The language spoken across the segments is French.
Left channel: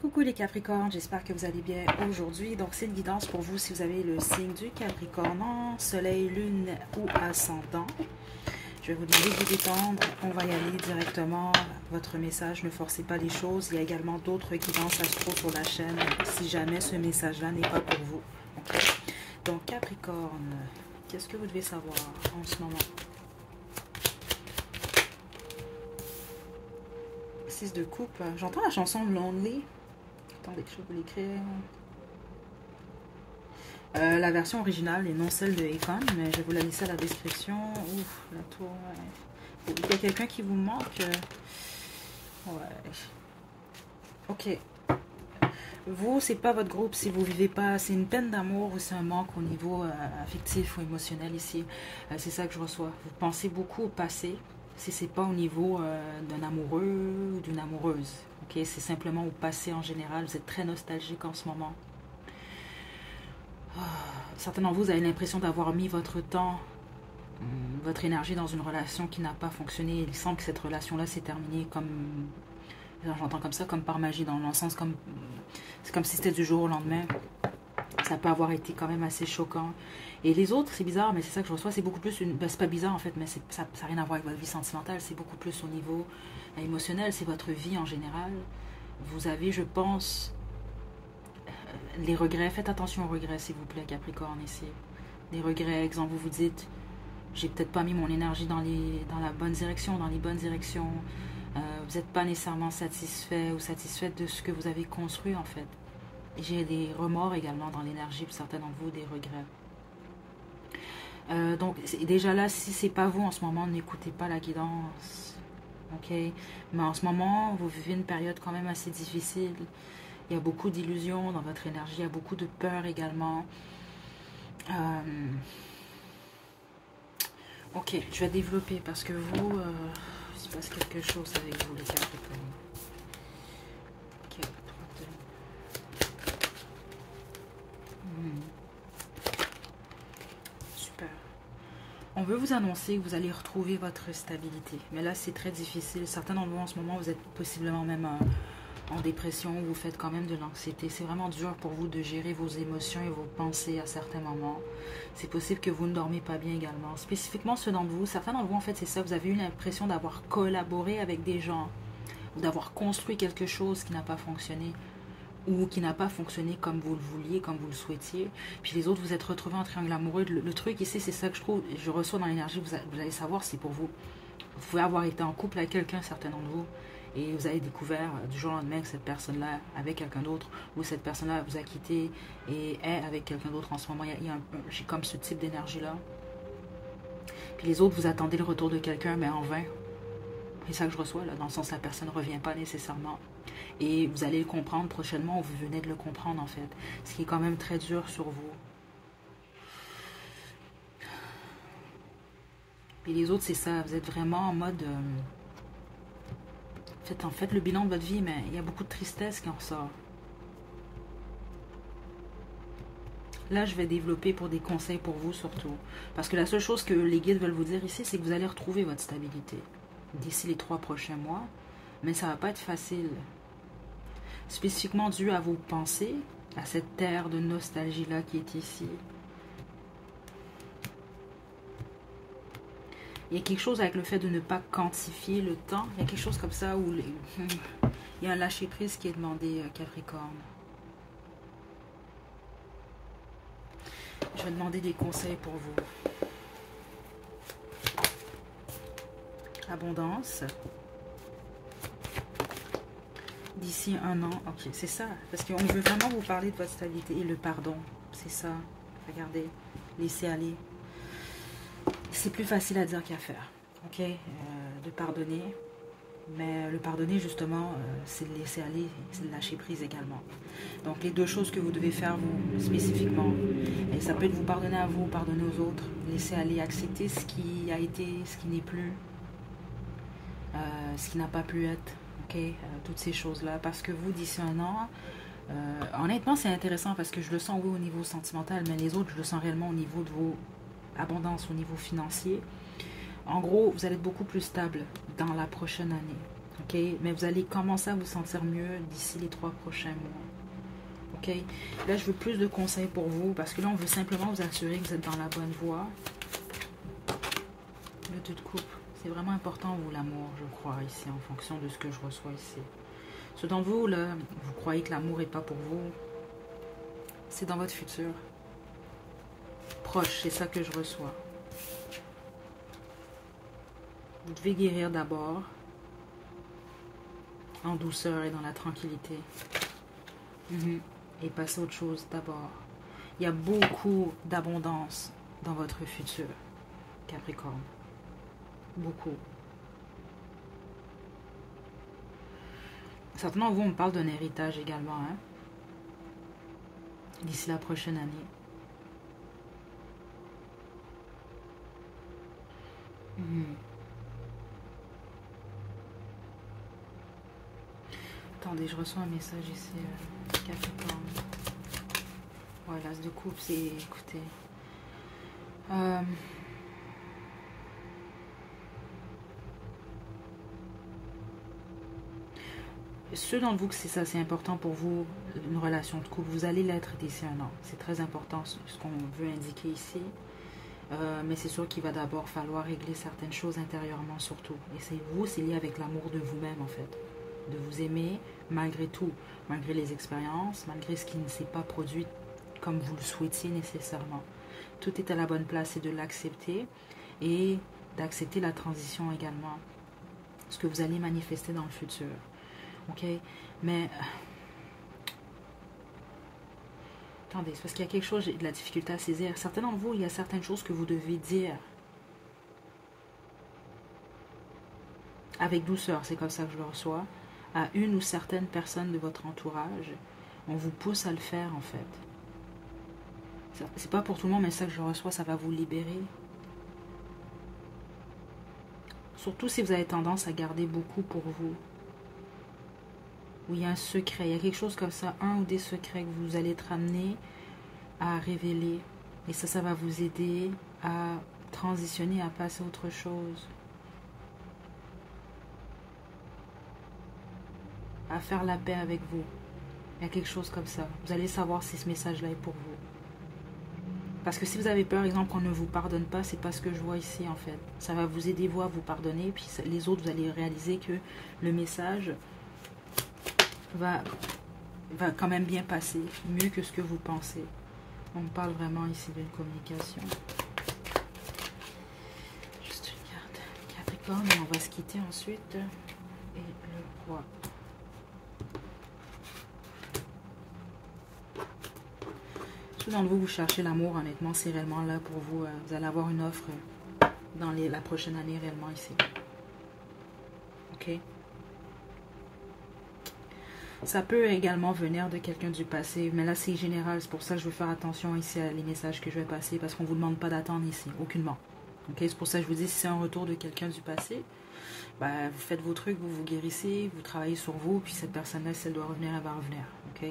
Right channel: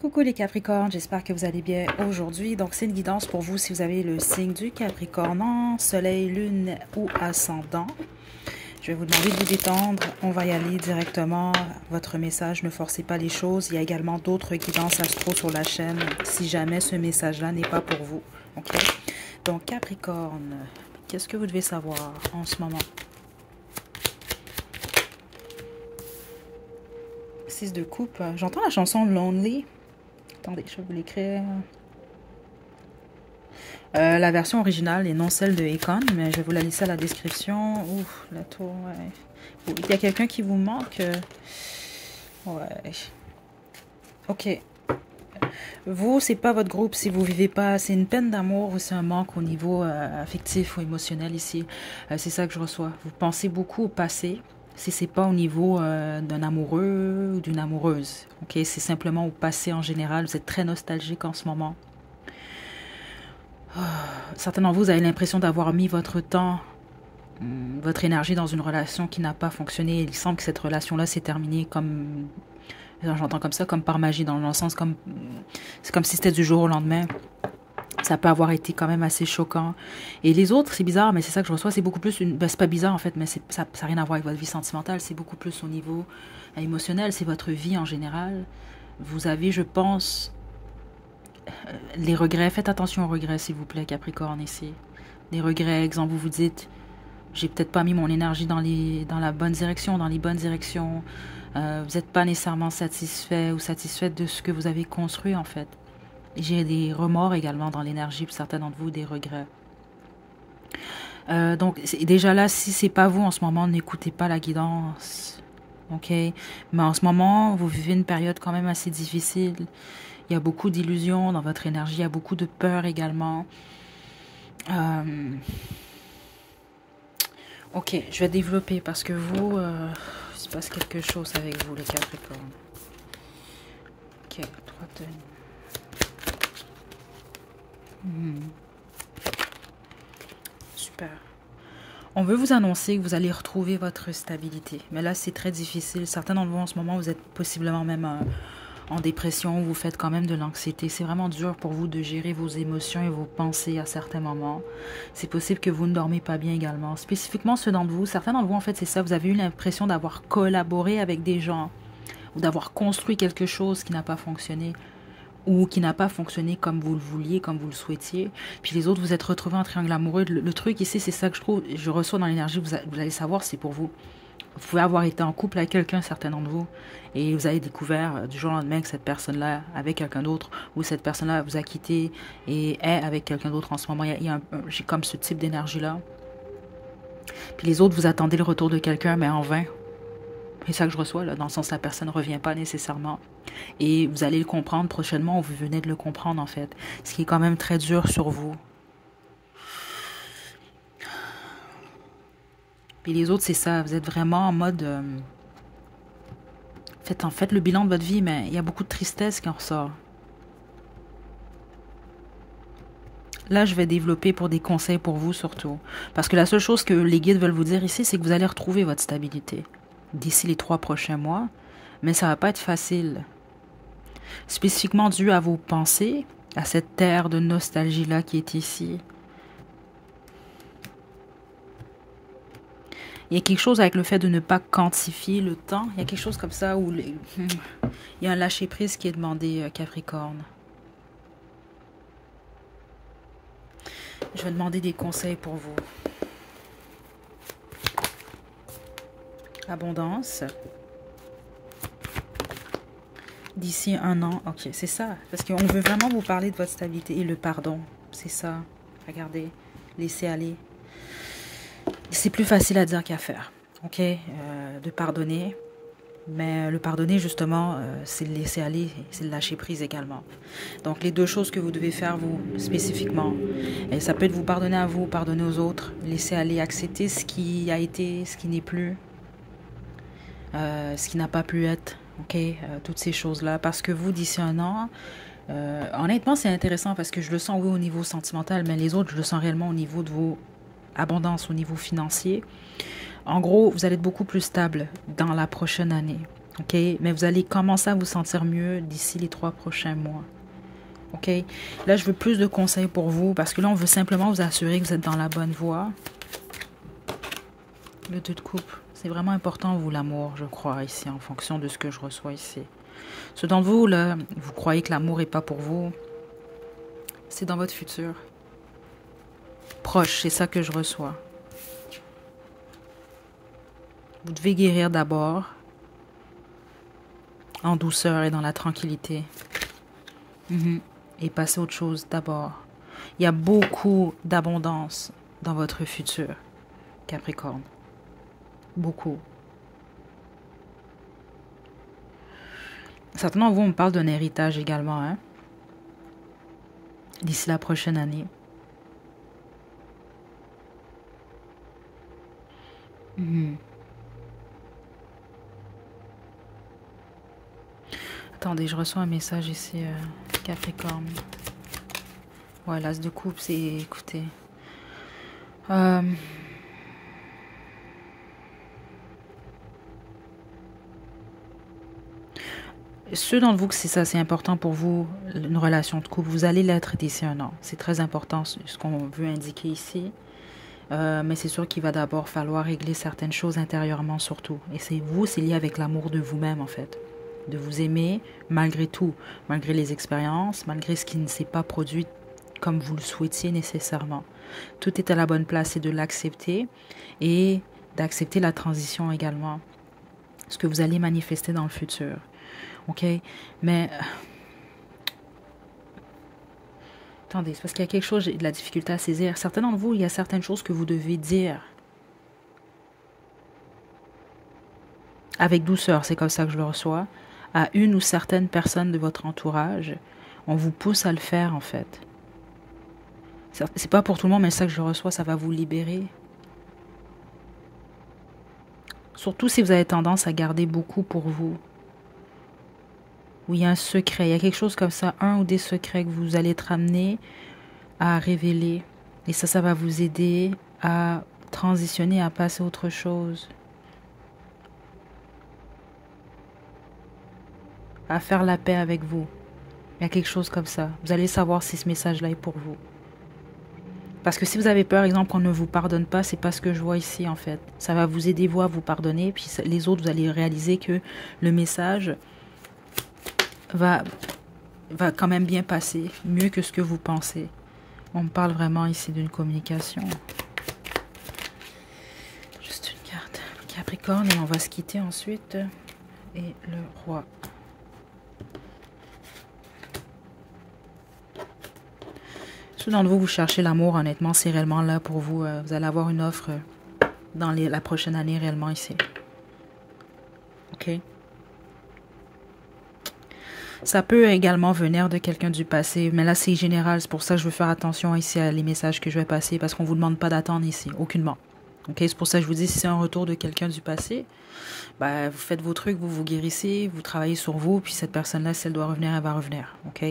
Coucou les Capricornes, j'espère que vous allez bien aujourd'hui. Donc c'est une guidance pour vous si vous avez le signe du Capricorne en Soleil, Lune ou Ascendant. Je vais vous demander de vous détendre. On va y aller directement. Votre message, ne forcez pas les choses. Il y a également d'autres guidances astro sur la chaîne si jamais ce message-là n'est pas pour vous. Ok. Donc Capricorne, qu'est-ce que vous devez savoir en ce moment? 6 de coupe. J'entends la chanson Lonely. Attendez, je vais vous l'écrire. La version originale et non celle de Akon, mais je vais vous la laisser à la description. Ouf, la tour, ouais. Il y a quelqu'un qui vous manque. Ouais. Ok. Vous, c'est pas votre groupe si vous vivez pas. C'est une peine d'amour ou c'est un manque au niveau affectif ou émotionnel ici. C'est ça que je reçois. Vous pensez beaucoup au passé. Si c'est pas au niveau d'un amoureux ou d'une amoureuse. Ok, c'est simplement au passé en général. Vous êtes très nostalgique en ce moment. Certains d'entre vous avez l'impression d'avoir mis votre temps, votre énergie dans une relation qui n'a pas fonctionné. Il semble que cette relation-là s'est terminée comme, j'entends comme ça, comme par magie, dans le sens comme, c'est comme si c'était du jour au lendemain. Ça peut avoir été quand même assez choquant. Et les autres, c'est bizarre, mais c'est ça que je reçois, c'est beaucoup plus, c'est pas bizarre en fait, mais ça n'a rien à voir avec votre vie sentimentale, c'est beaucoup plus au niveau émotionnel, c'est votre vie en général. Vous avez, je pense, les regrets, faites attention aux regrets s'il vous plaît Capricorne ici. Les regrets, exemple, vous vous dites, j'ai peut-être pas mis mon énergie dans la bonne direction, dans les bonnes directions. Vous n'êtes pas nécessairement satisfait ou satisfaite de ce que vous avez construit en fait. J'ai des remords également dans l'énergie pour certains d'entre vous, des regrets. Donc déjà là, si c'est pas vous en ce moment, n'écoutez pas la guidance. Ok, mais en ce moment, vous vivez une période quand même assez difficile. Il y a beaucoup d'illusions dans votre énergie, il y a beaucoup de peur également. Ok, je vais développer parce que vous, il se passe quelque chose avec vous les Capricornes. Ok, 3 de... Super. On veut vous annoncer que vous allez retrouver votre stabilité. Mais là, c'est très difficile. Certains d'entre vous, en ce moment, vous êtes possiblement même en dépression. Vous faites quand même de l'anxiété. C'est vraiment dur pour vous de gérer vos émotions et vos pensées à certains moments. C'est possible que vous ne dormez pas bien également. Spécifiquement, ceux d'entre vous, certains d'entre vous, en fait, c'est ça. Vous avez eu l'impression d'avoir collaboré avec des gens ou d'avoir construit quelque chose qui n'a pas fonctionné ou qui n'a pas fonctionné comme vous le vouliez, comme vous le souhaitiez. Puis les autres, vous êtes retrouvés en triangle amoureux. Le truc ici, c'est ça que je trouve, je reçois dans l'énergie, vous allez savoir, c'est pour vous. Vous pouvez avoir été en couple avec quelqu'un, certains d'entre vous, et vous avez découvert du jour au lendemain que cette personne-là avec quelqu'un d'autre, ou cette personne-là vous a quitté et est avec quelqu'un d'autre en ce moment. J'ai comme ce type d'énergie-là. Puis les autres, vous attendez le retour de quelqu'un, mais en vain. C'est ça que je reçois, là, dans le sens la personne ne revient pas nécessairement. Et vous allez le comprendre prochainement, ou vous venez de le comprendre en fait. Ce qui est quand même très dur sur vous. Puis les autres, c'est ça. Vous êtes vraiment en mode... faites le bilan de votre vie, mais il y a beaucoup de tristesse qui en ressort. Là, je vais développer pour des conseils pour vous surtout. Parce que la seule chose que les guides veulent vous dire ici, c'est que vous allez retrouver votre stabilité d'ici les 3 prochains mois. Mais ça ne va pas être facile. Spécifiquement dû à vos pensées, à cette terre de nostalgie-là qui est ici. Il y a quelque chose avec le fait de ne pas quantifier le temps. Il y a quelque chose comme ça où il y a un lâcher-prise qui est demandé, Capricorne. Je vais demander des conseils pour vous. Abondance. D'ici 1 an. Ok, c'est ça. Parce qu'on veut vraiment vous parler de votre stabilité. Et le pardon. C'est ça. Regardez. Laissez aller. C'est plus facile à dire qu'à faire. Ok, de pardonner. Mais le pardonner, justement, c'est le laisser aller. C'est le lâcher prise également. Donc, les 2 choses que vous devez faire, vous, spécifiquement. Et ça peut être vous pardonner à vous, pardonner aux autres. Laisser aller, accepter ce qui a été, ce qui n'est plus. Ce qui n'a pas pu être. Ok, toutes ces choses-là. Parce que vous, d'ici 1 an, honnêtement, c'est intéressant parce que je le sens, oui, au niveau sentimental, mais les autres, je le sens réellement au niveau de vos abondances, au niveau financier. En gros, vous allez être beaucoup plus stable dans la prochaine année. OK? Mais vous allez commencer à vous sentir mieux d'ici les 3 prochains mois. OK? Là, je veux plus de conseils pour vous parce que là, on veut simplement vous assurer que vous êtes dans la bonne voie. Le 2 de coupe. C'est vraiment important, vous, l'amour, je crois, ici, en fonction de ce que je reçois ici. Ceux d'entre vous, là, vous croyez que l'amour n'est pas pour vous. C'est dans votre futur. Proche, c'est ça que je reçois. Vous devez guérir d'abord. En douceur et dans la tranquillité. Et passer à autre chose d'abord. Il y a beaucoup d'abondance dans votre futur, Capricorne. Beaucoup. Certainement, vous, on me parle d'un héritage également, hein? D'ici la prochaine année. Attendez, je reçois un message ici, Capricorne. Ouais, l'as de coupe, c'est... Écoutez... Ceux d'entre vous que c'est ça, c'est important pour vous, une relation de couple, vous allez l'être d'ici un an. C'est très important ce qu'on veut indiquer ici. Mais c'est sûr qu'il va d'abord falloir régler certaines choses intérieurement surtout. Et c'est vous, c'est lié avec l'amour de vous-même en fait. De vous aimer malgré tout, malgré les expériences, malgré ce qui ne s'est pas produit comme vous le souhaitiez nécessairement. Tout est à la bonne place et de l'accepter et d'accepter la transition également. Ce que vous allez manifester dans le futur. OK? Mais... Attendez, c'est parce qu'il y a quelque chose, j'ai de la difficulté à saisir. Certains d'entre vous, il y a certaines choses que vous devez dire. Avec douceur, c'est comme ça que je le reçois. À une ou certaines personnes de votre entourage. On vous pousse à le faire, en fait. C'est pas pour tout le monde, mais ça que je reçois, ça va vous libérer. Surtout si vous avez tendance à garder beaucoup pour vous. Où il y a un secret, il y a quelque chose comme ça, un ou des secrets que vous allez être amené à révéler. Et ça va vous aider à transitionner, à passer à autre chose. À faire la paix avec vous. Il y a quelque chose comme ça. Vous allez savoir si ce message-là est pour vous. Parce que si vous avez peur, exemple, qu'on ne vous pardonne pas, c'est pas ce que je vois ici, en fait. Ça va vous aider, vous, à vous pardonner. Puis les autres, vous allez réaliser que le message va quand même bien passer. Mieux que ce que vous pensez. On me parle vraiment ici d'une communication. Juste une carte. Capricorne, et on va se quitter ensuite. Et le roi. Ceux d'entre vous, vous cherchez l'amour, honnêtement, c'est réellement là pour vous. Vous allez avoir une offre dans la prochaine année, réellement, ici. OK? Ça peut également venir de quelqu'un du passé, mais là, c'est général. C'est pour ça que je veux faire attention ici à les messages que je vais passer, parce qu'on ne vous demande pas d'attendre ici, aucunement. OK? C'est pour ça que je vous dis, si c'est un retour de quelqu'un du passé, bah, vous faites vos trucs, vous vous guérissez, vous travaillez sur vous, puis cette personne-là, si elle doit revenir, elle va revenir. OK?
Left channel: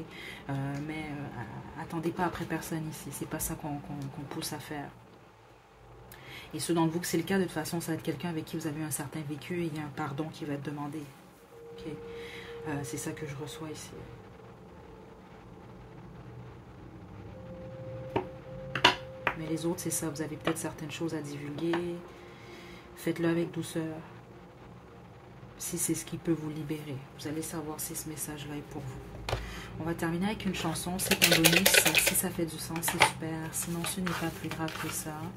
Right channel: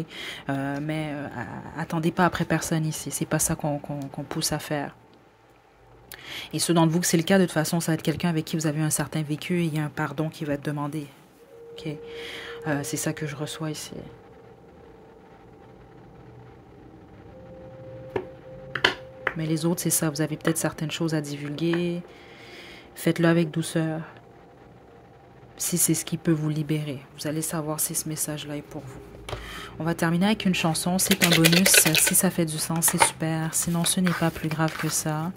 Mais attendez pas après personne ici. C'est pas ça qu'on pousse à faire. Et ceux d'entre vous que c'est le cas, de toute façon, ça va être quelqu'un avec qui vous avez un certain vécu et il y a un pardon qui va être demandé. OK? C'est ça que je reçois ici. Mais les autres, c'est ça. Vous avez peut-être certaines choses à divulguer. Faites-le avec douceur. Si c'est ce qui peut vous libérer. Vous allez savoir si ce message-là est pour vous. On va terminer avec une chanson. C'est un bonus. Si ça fait du sens, c'est super. Sinon, ce n'est pas plus grave que ça.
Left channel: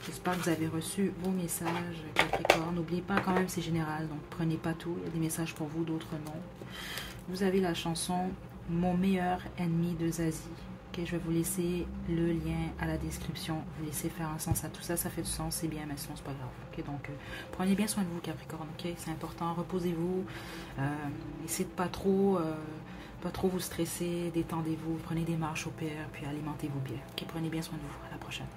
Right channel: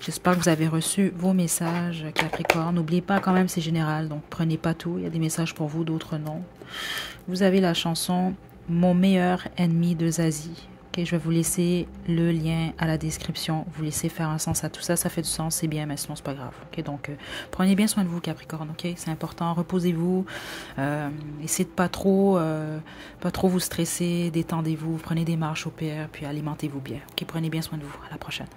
J'espère que vous avez reçu vos messages, Capricorne. N'oubliez pas, quand même, c'est général. Donc, prenez pas tout. Il y a des messages pour vous, d'autres non. Vous avez la chanson « Mon meilleur ennemi » de Zazie. Okay, je vais vous laisser le lien à la description. Vous laissez faire un sens à tout ça. Ça fait du sens, c'est bien, mais sinon, c'est pas grave. Okay, donc, prenez bien soin de vous, Capricorne. Okay, c'est important. Reposez-vous. Essayez de pas trop vous stresser. Détendez-vous. Prenez des marches au pire. Puis alimentez-vous bien. Okay, prenez bien soin de vous. À la prochaine.